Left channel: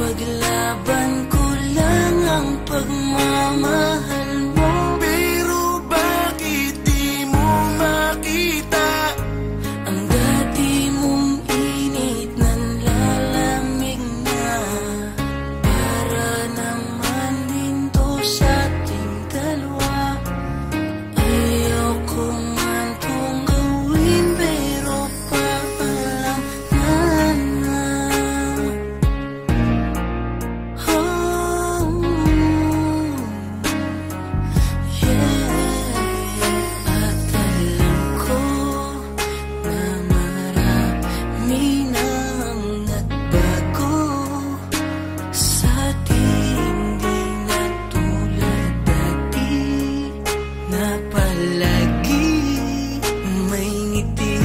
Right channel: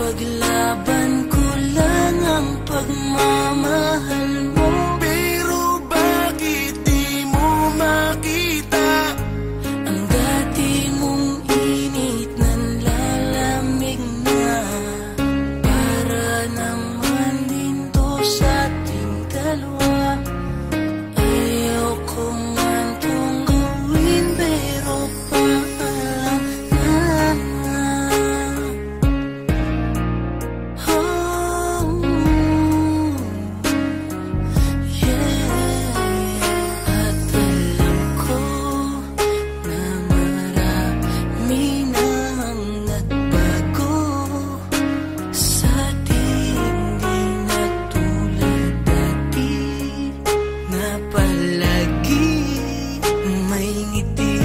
Paglaban ko lang ang pagmamahal mo. Pero bakit di mo makita ang dati mong init nanlalamig na? Para naman din to sa ating dalawa. Ayaw ko man tong gawin pero paalam na. Palagi may ngiti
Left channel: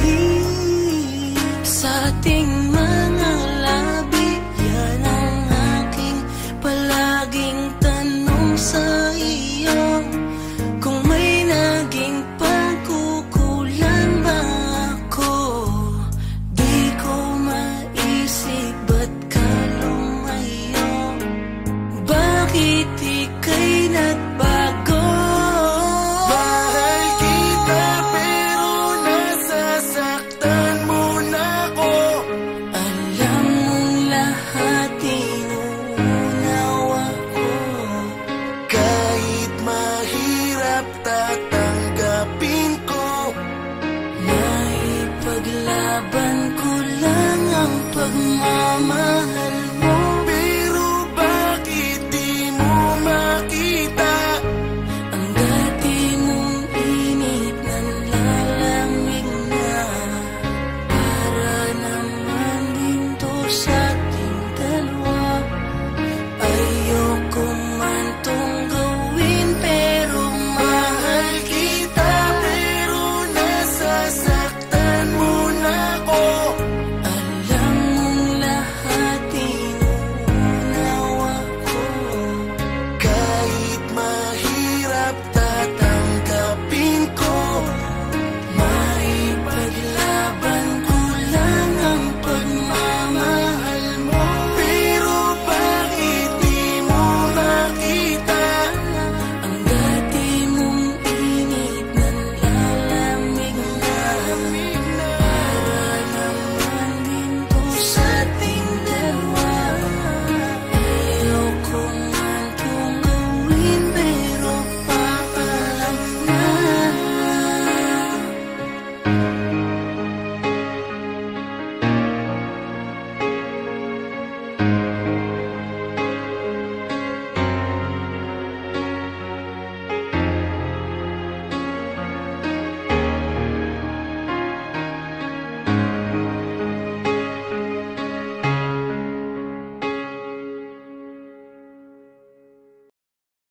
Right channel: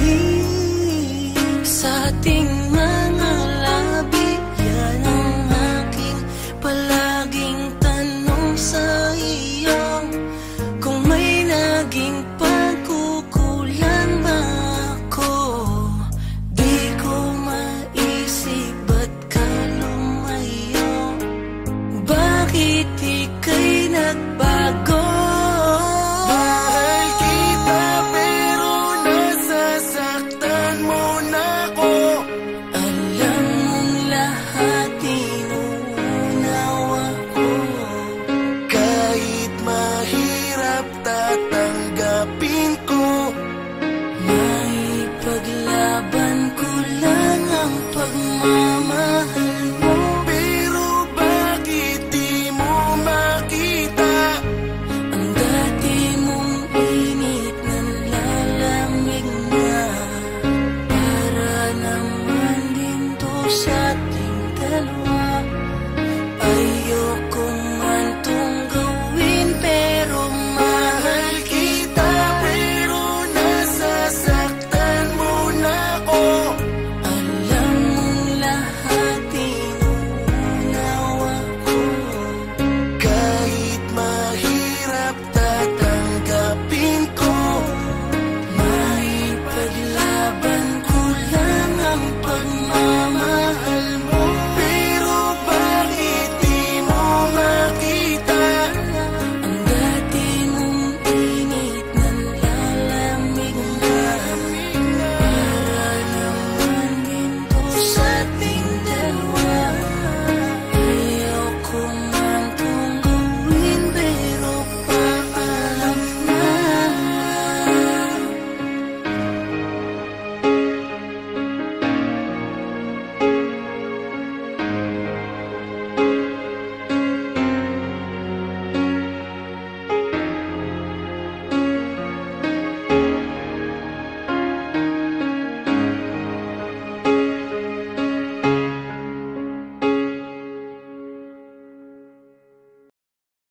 sa ating mga labi. Yan ang aking palaging tanong sa iyo. Kung may naging pagkukulang ba ako, di ko maisip ba't ka lumayo. Bakit ika'y nagbago? Kahit mahirap tatanggapin ko. May paglaban ko lang ang pagmamahal mo. Pero bakit di mo makita ang dati mong init nanlalamig na? Para naman din to sa